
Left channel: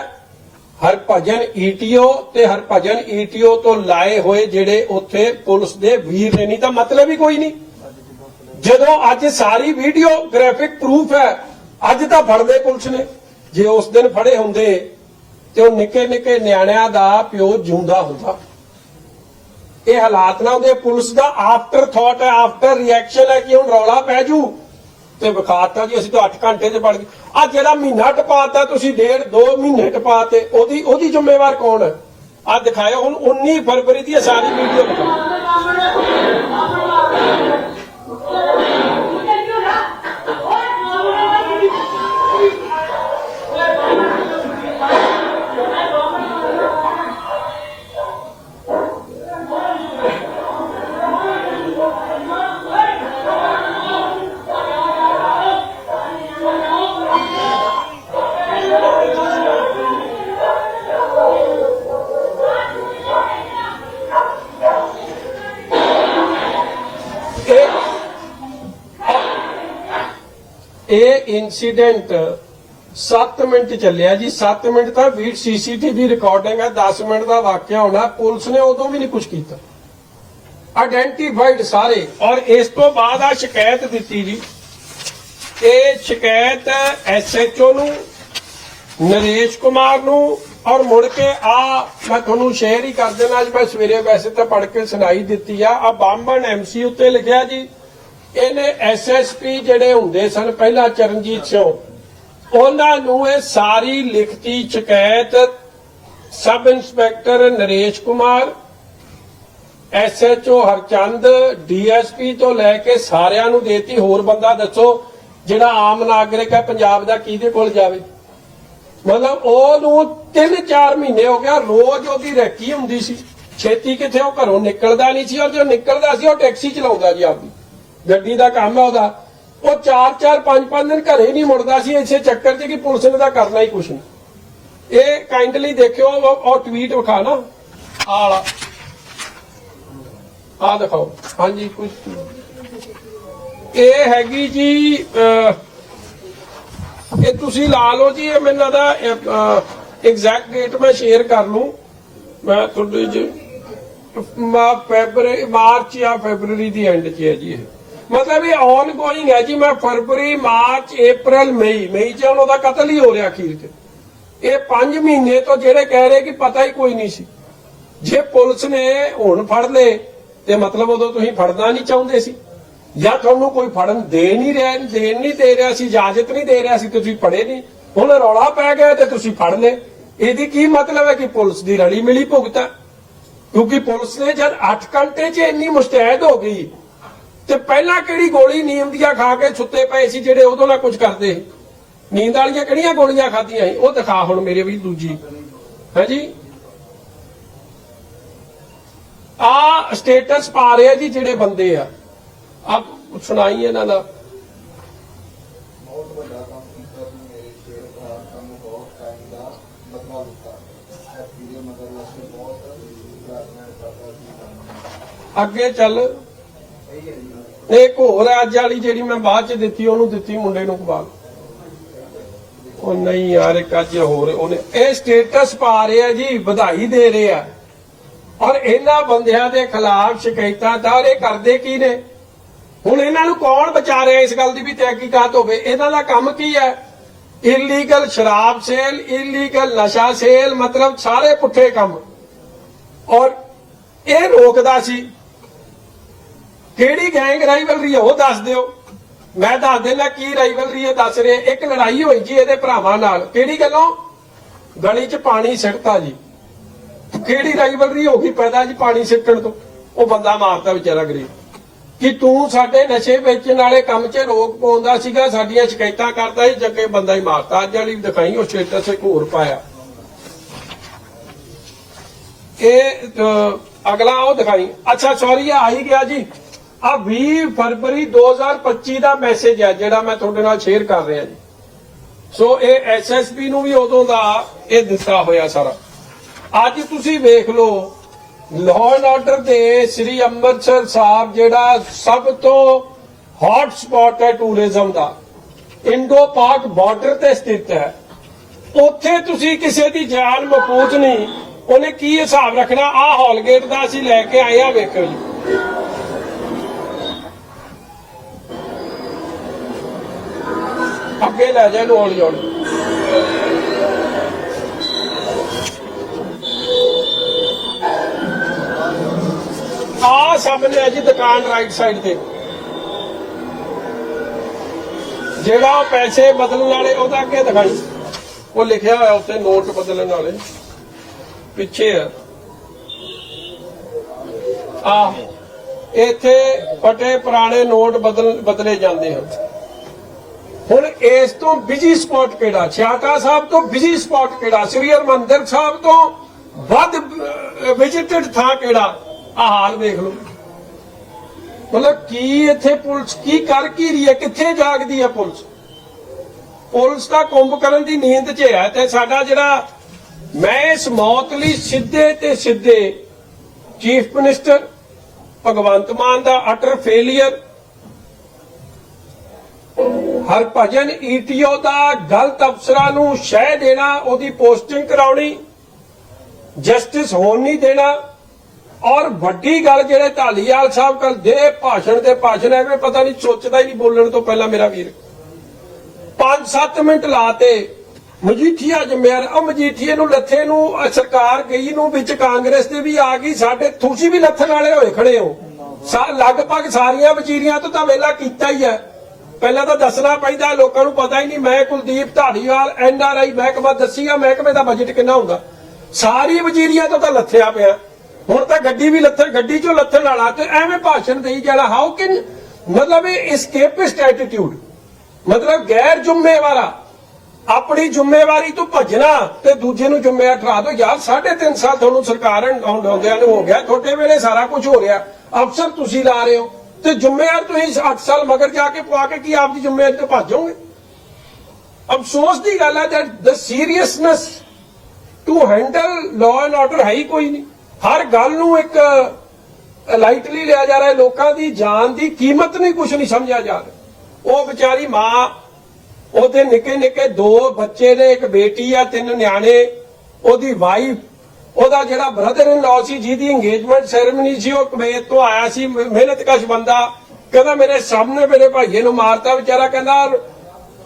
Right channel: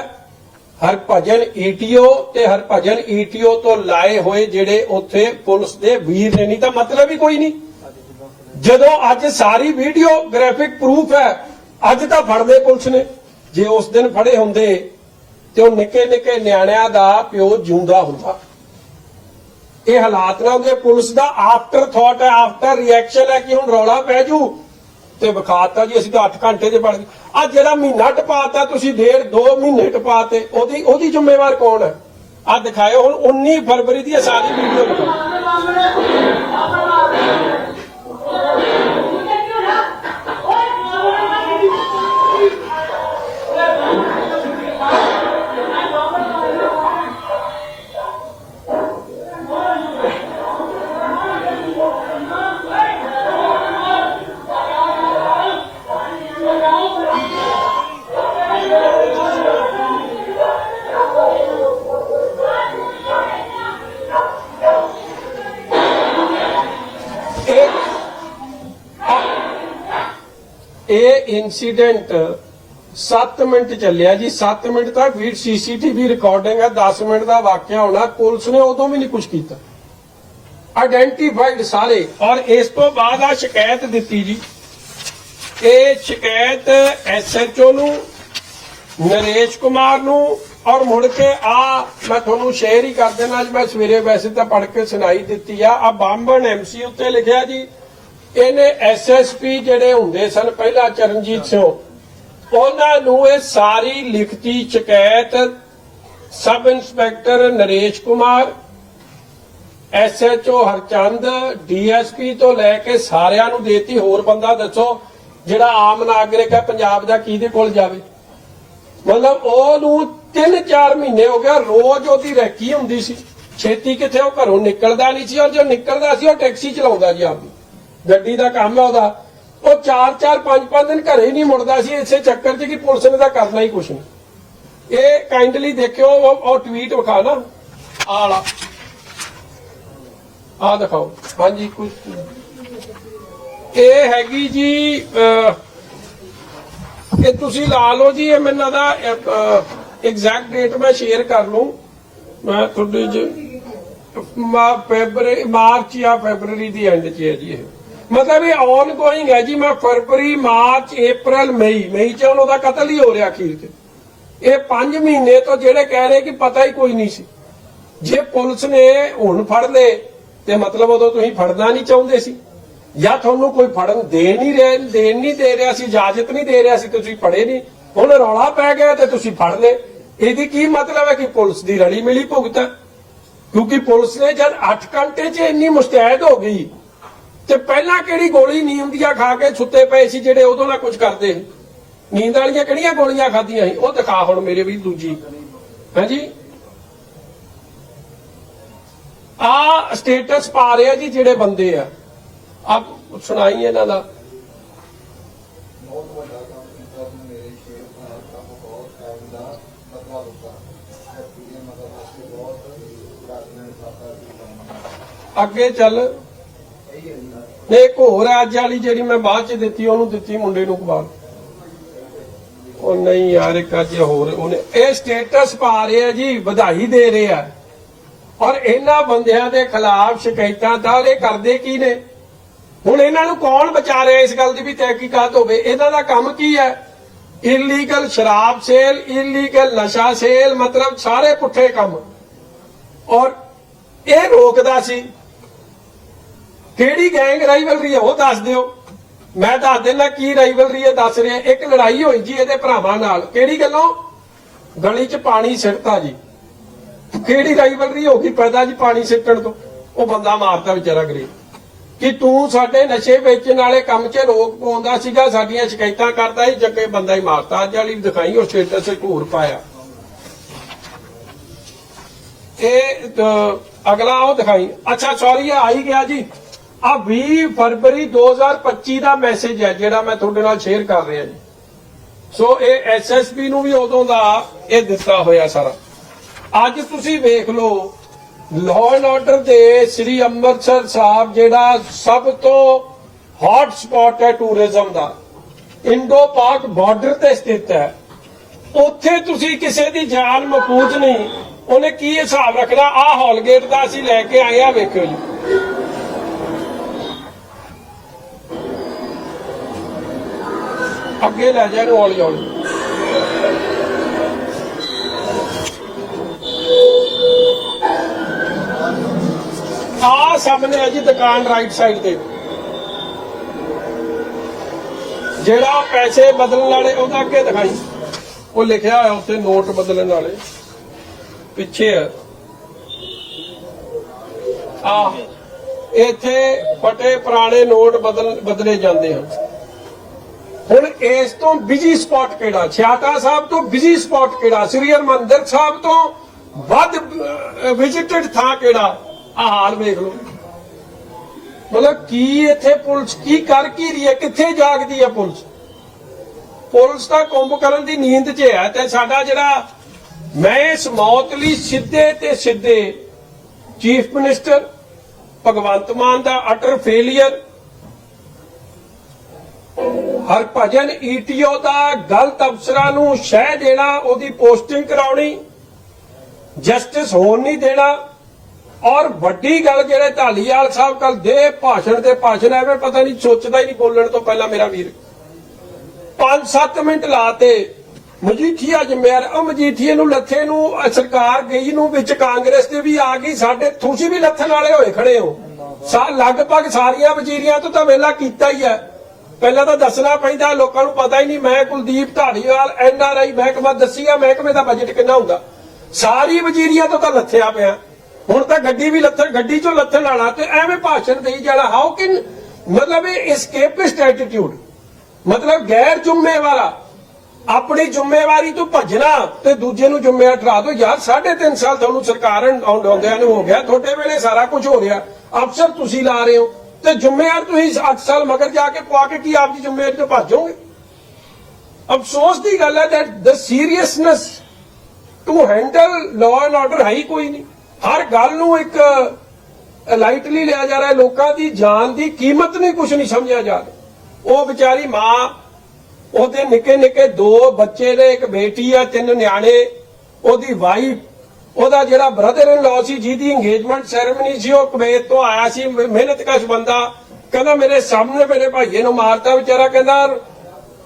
ਹਰਭਜਨ ਈਟੀਓ ਤੇ ਹਰਭਜਨ ਈਟੀਓ ਤੋਂ ਲਾਏ ਹੋਏ ਜਿਹੜੇ ਉੱਥੇ ਪੁਲਿਸ ਦੇ ਵੀਰ ਨੇ। ਨਹੀਂ ਤਾਂ ਮਤਲਬ ਹੀ ਕੋਈ ਨਹੀਂ। ਜਦੋਂ ਅੱਜ ਸਾਰੀ ਵੀਡੀਓ ਗ੍ਰਾਫਿਕ ਪ੍ਰੂਫ ਹੈ, ਅੱਜ ਤਾਂ ਫੜਦੇ ਪੁਲਿਸ ਨੇ। ਜੇ ਉਸ ਦਿਨ ਫੜੇ ਹੁੰਦੇ ਤੇ ਉਹ ਨਿੱਕੇ ਨਿੱਕੇ ਨਿਆਣਿਆਂ ਦਾ ਪਿਓ ਜਿਉਂਦਾ ਹੁੰਦਾ। ਇਹ ਹਾਲਾਤ ਨਾਲ ਦੇ ਪੁਲਿਸ ਦਾ ਆਫਟਰ ਥਾਟ ਹੈ ਆਫਟਰ ਰਿਐਕਸ਼ਨ ਹੈ ਕਿ ਹੁਣ ਰੌਲਾ ਪੈ ਜੂ। ਤੇ ਵਿਖਾਤਾ ਜੀ, ਅਸੀਂ ਤਾਂ 8 ਘੰਟੇ ਤੇ ਪੜ ਗਏ। ਆ ਜਿਹੜਾ ਮਹੀਨਾ ਟਪਾਤਾ, ਤੁਸੀਂ ਡੇਢ 2 ਮਹੀਨੇ ਟਪਾਤੇ, ਉਹਦੀ ਉਹਦੀ ਜ਼ਿੰਮੇਵਾਰ ਕੌਣ ਹੈ? ਆ ਦਿਖਾਇਓ ਹੁਣ 19 ਫਰਵਰੀ ਦੀ ਇਹ ਸਾਰੀ ਵੀਡੀਓ ਦਿਖਾਓ ਇਨਸੀਡੈਂਟ 7 ਮਿੰਟ ਚੱਲਿਆ ਜੀ 7 ਮਿੰਟ ਦਾ ਵੀਡ ਸੀਸੀਟੀਵੀ ਰਿਕਾਰਡਿੰਗ ਆ 10 ਮਿੰਟ ਦਾ ਵਾਕਿਆ ਹੋਣਾ, ਪੁਲਿਸ ਨੇ ਉਦੋਂ ਵੀ ਨਹੀਂ ਕੁਝ ਕੀਤਾ। ਆਇਡੈਂਟੀਫਾਈਡ ਸਾਰੇ। ਔਰ ਇਸ ਤੋਂ ਬਾਅਦ ਆ ਸ਼ਿਕਾਇਤ ਦਿੱਤੀ ਜੀ। ਇਹ ਸ਼ਿਕਾਇਤ ਐਸਐਚਓ ਨੂੰ, ਨਰੇਸ਼ ਕੁਮਾਰ ਨੂੰ, ਔਰ ਮੁੜ ਕੇ ਆ ਮੈਂ ਤੁਹਾਨੂੰ ਸ਼ੇਅਰ ਹੀ ਕਰ ਦੇਣਾ, ਅੱਜ ਮੈਂ ਸਵੇਰੇ ਵੈਸੇ ਤਾਂ ਪੜ੍ਹ ਕੇ ਸੁਣਾਈ ਦਿੱਤੀ ਆ। ਆ ਬਾਂਬਣ ਐਮਸੀ ਉੱਤੇ ਲਿਖਿਆ ਜੀ। ਇਹਨੇ ਐਸਐਸਪੀ ਜਿਹੜੇ ਹੁੰਦੇ ਸਨ, ਪਹਿਲਾਂ ਚਰਨਜੀਤ ਸਿੰਘ, ਉਹਨਾਂ ਨੂੰ ਇਹ ਸਾਰੀ ਲਿਖਤੀ ਸ਼ਿਕਾਇਤ sub inspector Naresh Kumar SHO Harchand DSP ਤੋਂ ਲੈ ਕੇ ਸਾਰਿਆਂ ਨੂੰ ਦੇਤੀ। ਹੋਰ ਬੰਦਾ ਦੱਸੋ, ਜਿਹੜਾ ਆਮ ਨਾਗਰਿਕ ਹੈ, ਪੰਜਾਬ ਦਾ ਕਿਹਦੇ ਕੋਲ ਜਾਵੇ? ਮਤਲਬ ਉਹਨੂੰ 3-4 ਮਹੀਨੇ ਹੋ ਗਿਆ ਰੋਜ਼ ਉਹਦੀ ਰੈਕੀ ਹੁੰਦੀ ਸੀ। ਛੇਤੀ ਕਿਥੇ ਉਹ ਘਰੋਂ ਨਿਕਲਦਾ ਨਹੀਂ ਸੀ, ਔਰ ਜੋ ਨਿਕਲਦਾ ਸੀ, ਉਹ ਟੈਕਸੀ ਚਲਾਉਂਦਾ ਜੀ ਆਪਦੀ। ਗੱਡੀ ਦਾ ਕੰਮ ਹੈ ਉਹਦਾ। ਉਹ 4-4 5-5 ਦਿਨ ਘਰੇ ਨਹੀਂ ਮੁੜਦਾ ਸੀ। ਇਸੇ ਚੱਕਰ 'ਚ ਕਿ ਪੁਲਿਸ ਨੇ ਤਾਂ ਕਰਨਾ ਹੀ ਕੁਛ। ਨਹੀਂ ਇਹ ਕਾਈਂਡਲੀ ਦੇਖਿਓ, ਉਹ ਟਵੀਟ ਵਿਖਾ ਨਾ। ਆਹ। ਆ ਦਿਖਾਓ। ਹਾਂਜੀ ਕੁਝ ਇਹ ਹੈਗੀ ਜੀ ਇਹ ਤੁਸੀਂ ਲਾ ਲਓ ਜੀ, ਇਹ ਮੈਨੂੰ ਦਾ ਐਗਜ਼ੈਕਟ ਡੇਟ ਮੈਂ ਸ਼ੇਅਰ ਕਰ ਲੂੰ ਮੈਂ ਤੁਹਾਡੀ ਜੀ ਮਾਰਚ ਜਾਂ ਫੈਬਰਰੀ ਦੀ ਐਂਡ 'ਚ ਹੈ ਜੀ ਇਹ। ਮਤਲਬ ਇਹ ਔਨ ਗੋਇੰਗ ਹੈ ਜੀ, ਮੈਂ ਫਰਵਰੀ, ਮਾਰਚ, April ਮਈ ਮਈ 'ਚ ਉਹਦਾ ਕਤਲ ਹੀ ਹੋ ਰਿਹਾ ਅਖੀਰ 'ਚ। ਇਹ 5 ਮਹੀਨੇ ਤੋਂ ਜਿਹੜੇ ਕਹਿ ਰਹੇ ਕਿ ਪਤਾ ਹੀ ਕੋਈ ਨਹੀਂ ਸੀ। ਜੇ ਪੁਲਿਸ ਨੇ ਹੁਣ ਫੜ ਲਏ, ਤੇ ਮਤਲਬ ਉਦੋਂ ਤੁਸੀਂ ਫੜਨਾ ਨਹੀਂ ਚਾਹੁੰਦੇ ਸੀ। ਜਾਂ ਤੁਹਾਨੂੰ ਕੋਈ ਫੜਨ ਦੇ ਨਹੀਂ ਰਿਹਾ, ਦੇਣ ਨਹੀਂ ਦੇ ਰਿਹਾ ਸੀ, ਇਜਾਜ਼ਤ ਨਹੀਂ ਦੇ ਰਿਹਾ ਸੀ, ਤੁਸੀਂ ਫੜੇ ਨਹੀਂ। ਹੁਣ ਰੌਲਾ ਪੈ ਗਿਆ ਤੇ ਤੁਸੀਂ ਫੜ ਲਏ। ਇਹਦੀ ਕੀ ਮਤਲਬ ਹੈ ਕਿ ਪੁਲਿਸ ਦੀ ਰਲੀ ਮਿਲੀ ਭੁਗਤ ਹੈ? ਕਿਉਂਕਿ ਪੁਲਿਸ ਨੇ ਜਦ 8 ਘੰਟੇ 'ਚ ਇੰਨੀ ਮੁਸਤੈਦ ਹੋ ਗਈ ਤੇ ਪਹਿਲਾਂ ਕਿਹੜੀ ਗੋਲੀ ਨੀਂਦ ਦੀਆਂ ਖਾ ਕੇ ਸੁੱਤੇ ਪਏ ਸੀ ਜਿਹੜੇ ਉਦੋਂ ਨਾ ਕੁਝ ਕਰਦੇ? ਨੀਂਦ ਵਾਲੀਆਂ ਕਿਹੜੀਆਂ ਗੋਲੀਆਂ ਖਾਧੀਆਂ ਸੀ? ਉਹ ਦਿਖਾ ਹੁਣ ਮੇਰੇ ਵੀ ਦੂਜੀ। ਹਾਂਜੀ? ਆ ਸਟੇਟਸ ਪਾ ਰਿਹਾ ਜੀ ਜਿਹੜੇ ਬੰਦੇ ਆ। ਆ ਸੁਣਾਈ ਇਹਨਾਂ ਦਾ। ਅੱਗੇ ਚੱਲ। ਨੇ ਇੱਕ ਹੋਰ ਅੱਜ ਵਾਲੀ ਜਿਹੜੀ ਮੈਂ ਬਾਅਦ ਚ ਦਿੱਤੀ, ਉਹਨੂੰ ਦਿੱਤੀ ਮੁੰਡੇ ਨੂੰ ਕਬਾਲ। ਉਹ ਨਹੀਂ ਯਾਰ, ਇੱਕ ਅੱਜ ਹੋਰ ਉਹਨੇ ਇਹ ਸਟੇਟਸ ਪਾ ਰਿਹਾ ਜੀ, ਵਧਾਈ ਦੇ ਰਿਹਾ ਔਰ ਇਹਨਾਂ ਬੰਦਿਆਂ ਦੇ ਖਿਲਾਫ ਸ਼ਿਕਾਇਤਾਂ ਤਾਂ ਇਹ ਕਰਦੇ ਕੀ ਨੇ? ਹੁਣ ਇਹਨਾਂ ਨੂੰ ਕੌਣ ਬਚਾ ਵਿਚਾਰੇ ਇਸ ਗੱਲ ਦੀ ਵੀ ਤਹਿਕੀਕਾਤ ਹੋਵੇ? ਇਹਨਾਂ ਦਾ ਕੰਮ ਕੀ ਹੈ? ਇਲੀਗਲ ਸ਼ਰਾਬ ਸੇਲ ਇਲੀਗਲ ਨਸ਼ਾ ਸੇਲ ਮਤਲਬ ਸਾਰੇ ਪੁੱਠੇ ਕੰਮ। ਔਰ ਇਹ ਰੋਕਦਾ ਸੀ। ਕਿਹੜੀ ਗੈਂਗ ਰਾਈਵਲਰੀ ਹੈ ਉਹ ਦੱਸ ਦਿਓ। ਮੈਂ ਦੱਸ ਦਿੰਦਾ ਕੀ ਰਾਈਵਲਰੀ ਹੈ ਦੱਸ ਰਿਹਾ। ਇੱਕ ਲੜਾਈ ਹੋਈ ਜੀ ਇਹਦੇ ਭਰਾਵਾਂ ਨਾਲ। ਕਿਹੜੀ ਗੱਲੋਂ? ਗਲੀ 'ਚ ਪਾਣੀ ਸਿੱਟਤਾ ਜੀ। ਕਿਹੜੀ ਰਾਈਵਲਰੀ ਹੋ ਗਈ ਪੈਦਾ ਜੀ ਪਾਣੀ ਸਿੱਟਣ ਤੋਂ? ਉਹ ਬੰਦਾ ਮਾਰਤਾ ਵਿਚਾਰਾ ਗਰੀਬ। ਕਿ ਤੂੰ ਸਾਡੇ ਨਸ਼ੇ ਵੇਚਣ ਵਾਲੇ ਕੰਮ 'ਚ ਰੋਕ ਪਾਉਂਦਾ ਸੀਗਾ, ਸਾਡੀਆਂ ਸ਼ਿਕਾਇਤਾਂ ਕਰਦਾ ਸੀ ਜੱਗੇ ਬੰਦਾ ਹੀ ਮਾਰਤਾ। ਅੱਜ ਵਾਲੀ ਦਿਖਾਈ, ਉਹ ਸਟੇਟਸ ਇੱਕ ਹੋਰ ਪਾਇਆ। ਇਹ ਅਗਲਾ ਉਹ ਦਿਖਾਈ। ਅੱਛਾ ਸੌਰੀ ਆਈ ਗਿਆ ਜੀ। ਆ 20 ਫਰਵਰੀ 2025 ਦਾ ਮੈਸੇਜ ਹੈ, ਜਿਹੜਾ ਮੈਂ ਤੁਹਾਡੇ ਨਾਲ ਸ਼ੇਅਰ ਕਰ ਰਿਹਾ ਜੀ। ਸੋ ਇਹ ਐਸਐਸਪੀ ਨੂੰ ਵੀ ਉਦੋਂ ਦਾ ਇਹ ਦਿੱਤਾ ਹੋਇਆ ਸਾਰਾ। ਅੱਜ ਤੁਸੀਂ ਵੇਖ ਲਓ ਲਾਅ ਐਂਡ ਆਰਡਰ ਦੇ ਸ੍ਰੀ ਅੰਮ੍ਰਿਤਸਰ ਸਾਹਿਬ ਜਿਹੜਾ ਸਭ ਤੋਂ ਹੌਟ ਸਪੌਟ ਹੈ ਟੂਰਿਜ਼ਮ ਦਾ। ਇੰਡੋ ਪਾਕ ਬਾਰਡਰ ਤੇ ਸਥਿਤ ਹੈ। ਉੱਥੇ ਤੁਸੀਂ ਕਿਸੇ ਦੀ ਜਾਨ ਮਕੂਚ ਨਹੀਂ। ਉਹਨੇ ਕੀ ਹਿਸਾਬ ਰੱਖਣਾ? ਆਹ ਹੌਲਗੇਟ ਦਾ ਅਸੀਂ ਲੈ ਕੇ ਆਏ ਆ, ਵੇਖਿਓ ਜੀ। ਅੱਗੇ ਲੈ ਜਾ ਇਹਨੂੰ ਹੌਲੀ ਹੌਲੀ ਆ ਸਾਹਮਣੇ ਆ ਜੀ ਦੁਕਾਨ ਰਾਈਟ ਸਾਈਡ ਤੇ। ਜਿਹੜਾ ਪੈਸੇ ਬਦਲਣ ਵਾਲੇ ਉਹਦਾ ਅੱਗੇ ਦਿਖਾਈ। ਉਹ ਲਿਖਿਆ ਹੋਇਆ ਉੱਥੇ ਨੋਟ ਬਦਲਣ ਵਾਲੇ। ਪਿੱਛੇ ਆ। ਇੱਥੇ ਫਟੇ ਪੁਰਾਣੇ ਨੋਟ ਬਦਲ ਬਦਲੇ ਜਾਂਦੇ ਹਨ ਹੁਣ ਇਸ ਤੋਂ ਬਿਜ਼ੀ ਸਪੌਟ ਕਿਹੜਾ? ਛਿਆਟਾ ਸਾਹਿਬ ਤੋਂ ਬਿਜ਼ੀ ਸਪੌਟ ਕਿਹੜਾ? ਸ੍ਰੀ ਹਰਮੰਦਰ ਸਾਹਿਬ ਤੋਂ ਵੱਧ ਵਿਜ਼ਿਟਡ ਥਾਂ ਕਿਹੜਾ? ਆਹਾਰ ਵੇਖ ਲਓ। ਮਤਲਬ ਕੀ ਇੱਥੇ ਪੁਲਿਸ ਕੀ ਕਰ ਕੀ ਰਹੀ ਹੈ? ਕਿੱਥੇ ਜਾਗਦੀ ਹੈ ਪੁਲਿਸ? ਪੁਲਿਸ ਤਾਂ ਕੁੰਭ ਕਰਨ ਦੀ ਨੀਂਦ 'ਚ ਹੈ ਤੇ ਸਾਡਾ ਜਿਹੜਾ ਮੈਂ ਇਸ ਮੌਤ ਲਈ ਸਿੱਧੇ ਤੇ ਸਿੱਧੇ ਚੀਫ ਮਿਨਿਸਟਰ ਭਗਵੰਤ ਮਾਨ ਦਾ ਅਟਰ ਫੇਲਿਅਰ ਹਰਭਜਨ ਈਟੀਓ ਦਾ ਗਲਤ ਅਫਸਰਾਂ ਨੂੰ ਸ਼ਹਿ ਦੇਣਾ, ਉਹਦੀ ਪੋਸਟਿੰਗ ਕਰਾਉਣੀ, ਜਸਟਿਸ ਹੋਣ ਨਹੀਂ ਦੇਣਾ। ਔਰ ਵੱਡੀ ਗੱਲ ਜਿਹੜੇ ਢਾਲੀਵਾਲ ਸਾਹਿਬ ਕੱਲ ਦੇ ਭਾਸ਼ਣ ਦੇ ਭਾਸ਼ਣ ਐਵੇਂ ਪਤਾ ਨਹੀਂ ਸੋਚਦਾ ਹੀ ਨਹੀਂ ਬੋਲਣ ਤੋਂ ਪਹਿਲਾਂ ਮੇਰਾ ਵੀਰ। 5-7 ਮਿੰਟ ਲਾਤੇ ਮਜੀਠੀਆ ਜੰਮਿਆਰ ਆ ਮਜੀਠੀਏ ਨੂੰ ਲੱਥੇ ਨੂੰ ਸਰਕਾਰ ਗਈ ਨੂੰ ਵਿੱਚ ਕਾਂਗਰਸ ਦੇ ਵੀ ਆ ਗਈ, ਸਾਡੇ ਤੁਸੀਂ ਵੀ ਲੱਥਣ ਵਾਲੇ ਹੋਏ ਖੜੇ ਹੋ। ਲਗਭਗ ਸਾਰੀਆਂ ਵਜ਼ੀਰੀਆਂ ਤੋਂ ਤਾਂ ਵੇਲਾ ਕੀਤਾ ਹੀ ਹੈ। ਪਹਿਲਾਂ ਤਾਂ ਦੱਸਣਾ ਪੈਂਦਾ, ਲੋਕਾਂ ਨੂੰ ਪਤਾ ਹੀ ਨਹੀਂ, ਮੈਂ ਕੁਲਦੀਪ ਢਾਲੀਵਾਲ ਐਨਆਰਆਈ ਮਹਿਕਮਾ ਦੱਸੀਆ ਮਹਿਕਮੇ ਦਾ ਬਜਟ ਕਿੰਨਾ ਹੁੰਦਾ ਸਾਰੀ ਵਜ਼ੀਰੀਆਂ ਤੋਂ ਤਾਂ ਲੱਥਿਆ ਪਿਆ। ਹੁਣ ਤਾਂ ਗੱਡੀ ਵੀ ਲੱਥਣ, ਗੱਡੀ ਚੋਂ ਲੱਥਣ ਵਾਲਾ ਤੇ ਐਵੇਂ ਭਾਸ਼ਣ ਦੇਈ ਜਾਣਾ ਹਾਊ ਕੈਨ ਮਤਲਬ ਇਹ escapist attitude ਮਤਲਬ ਗੈਰ ਜ਼ਿੰਮੇਵਾਰਾ, ਆਪਣੀ ਜ਼ਿੰਮੇਵਾਰੀ ਤੋਂ ਭੱਜਣਾ ਤੇ ਦੂਜੇ ਨੂੰ ਜ਼ਿੰਮੇਵਾਰ ਠਹਿਰਾ ਦੋ, ਯਾਰ 3.5 ਸਾਲ ਤੁਹਾਨੂੰ ਸਰਕਾਰ ਆਉਂਦਿਆਂ ਨੂੰ ਹੋ ਗਿਆ, ਤੁਹਾਡੇ ਵੇਲੇ ਸਾਰਾ ਕੁਝ ਹੋ ਰਿਹਾ। ਅਫਸਰ ਤੁਸੀਂ ਲਾ ਰਹੇ ਹੋ। ਤੇ ਜ਼ਿੰਮੇਵਾਰ ਤੁਸੀਂ 8 ਸਾਲ ਮਗਰ ਜਾ ਕੇ ਪਵਾ ਕੇ ਕੀ ਆਪ ਦੀ ਜ਼ਿੰਮੇਵਾਰੀ ਤੋਂ ਭੱਜੋਗੇ ਅਫਸੋਸ ਦੀ ਗੱਲ ਹੈ that the seriousness to handle law and order ਹੈ ਹੀ ਕੋਈ ਨਹੀਂ। ਹਰ ਗੱਲ ਨੂੰ ਇੱਕ ਲਾਈਟਲੀ ਲਿਆ ਜਾ ਰਿਹਾ ਲੋਕਾਂ ਦੀ ਜਾਨ ਦੀ ਕੀਮਤ ਨਹੀਂ ਕੁਝ ਨਹੀਂ ਸਮਝਿਆ ਜਾ ਰਿਹਾ। ਉਹ ਵਿਚਾਰੀ ਮਾਂ, ਉਹਦੇ ਨਿੱਕੇ ਨਿੱਕੇ ਦੋ ਬੱਚੇ ਨੇ, ਇੱਕ ਬੇਟੀ ਆ, ਤਿੰਨ ਨਿਆਣੇ, ਉਹਦੀ ਵਾਈਫ ਉਹਦਾ ਜਿਹੜਾ ਬ੍ਰਦਰ ਇਨ ਲਾਅ ਸੀ, ਜਿਹਦੀ ਇੰਗੇਜਮੈਂਟ ਸੈਰੇਮਨੀ ਸੀ, ਉਹ ਕੁਵੈਤ ਤੋਂ ਆਇਆ ਸੀ। ਮਿਹਨਤ ਕਸ਼ ਬੰਦਾ ਕਹਿੰਦਾ ਮੇਰੇ ਸਾਹਮਣੇ ਮੇਰੇ ਭਾਈਏ ਨੂੰ ਮਾਰਤਾ। ਵਿਚਾਰਾ ਕਹਿੰਦਾ,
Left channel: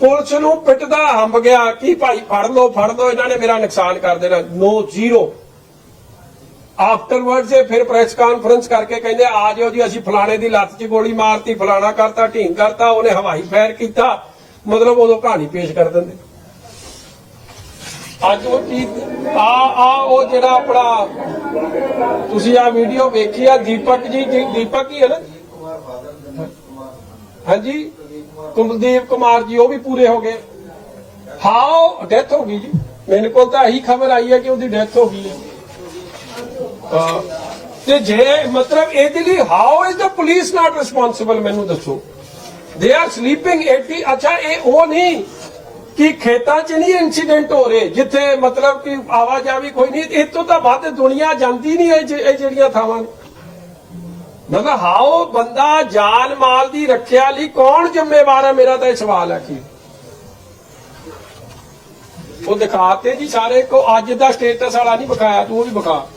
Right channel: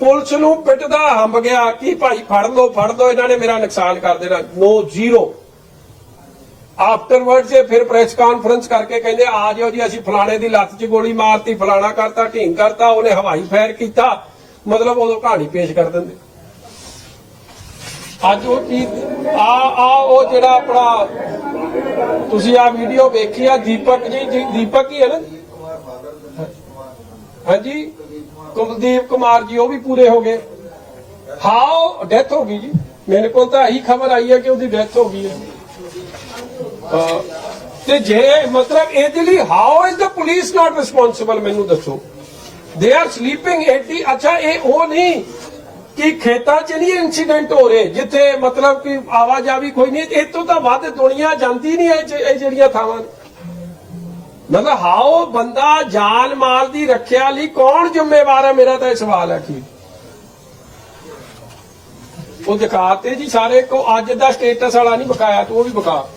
ਪੁਲਿਸ ਨੂੰ ਪਿੱਟਦਾ, ਹੰਬ ਗਿਆ। ਕਿ ਭਾਈ, ਫੜ ਲਓ ਫੜ ਲਓ। ਇਹਨਾਂ ਨੇ ਮੇਰਾ ਨੁਕਸਾਨ ਕਰ ਦੇਣਾ। ਨੋ ਜ਼ੀਰੋ। ਆਫਟਰਵਰਡ ਜੇ ਫਿਰ ਪ੍ਰੈਸ ਕਾਨਫਰੰਸ ਕਰਕੇ ਕਹਿੰਦੇ, ਆ ਜਿਓ ਜੀ, ਅਸੀਂ ਫਲਾਣੇ ਦੀ ਲੱਤ 'ਚ ਗੋਲੀ ਮਾਰਤੀ, ਫਲਾਣਾ ਕਰਤਾ, ਢੀਂਗ ਕਰਤਾ, ਉਹਨੇ ਹਵਾਈ ਫਾਇਰ ਕੀਤਾ। ਮਤਲਬ ਉਦੋਂ ਕਹਾਣੀ ਪੇਸ਼ ਕਰ ਦਿੰਦੇ। ਅੱਜ ਉਹ ਕੀ, ਆ ਆ ਉਹ ਜਿਹੜਾ ਆਪਣਾ, ਤੁਸੀਂ ਆ ਵੀਡੀਓ ਵੇਖੀ ਆ, ਦੀਪਕ ਜੀ ਦੀਪਕ ਹੀ ਹੈ ਨਾ? ਹਾਂਜੀ? ਕੁਲਦੀਪ ਕੁਮਾਰ ਜੀ, ਉਹ ਵੀ ਪੂਰੇ ਹੋ ਗਏ। ਹਾਓ ਡੈਥ ਹੋ ਗਈ ਜੀ। ਮੈਨੂੰ ਕੋਲ ਤਾਂ ਇਹੀ ਖਬਰ ਆਈ ਹੈ ਕਿ ਉਹਦੀ ਡੈਥ ਹੋ ਗਈ ਹੈ। ਤੇ ਜੇ, ਮਤਲਬ ਇਹਦੇ ਲਈ how is the police not responsible ਮੈਨੂੰ ਦੱਸੋ? ਦੇ ਆਰ ਸਲੀਪਿੰਗ 80 ਅੱਛਾ, ਇਹ ਉਹ ਨਹੀਂ ਕਿ ਖੇਤਾਂ 'ਚ ਨਹੀਂ ਇਨਸੀਡੈਂਟ ਹੋ ਰਹੇ, ਜਿੱਥੇ ਮਤਲਬ ਕਿ ਆਵਾਜਾਈ ਕੋਈ ਨਹੀਂ ਇਹ ਤੋਂ ਤਾਂ ਵੱਧ ਦੁਨੀਆ ਜਾਂਦੀ ਨਹੀਂ ਇਹ ਜਿਹੜੀਆਂ ਥਾਵਾਂ ਨੇ। ਮਤਲਬ ਹਾਓ, ਬੰਦਾ ਜਾਨ ਮਾਲ ਦੀ ਰੱਖਿਆ ਲਈ ਕੌਣ ਜ਼ਿੰਮੇਵਾਰ ਹੈ ਮੇਰਾ ਤਾਂ ਇਹ ਸਵਾਲ ਹੈ ਕੀ ਉਹ ਦਿਖਾਤੇ ਜੀ ਸਾਰੇ ਕੋ ਅੱਜ ਦਾ ਸਟੇਟਸ ਵਾਲਾ ਨਹੀਂ ਵਿਖਾਇਆ, ਤੂੰ ਉਹ ਵੀ ਵਿਖਾ।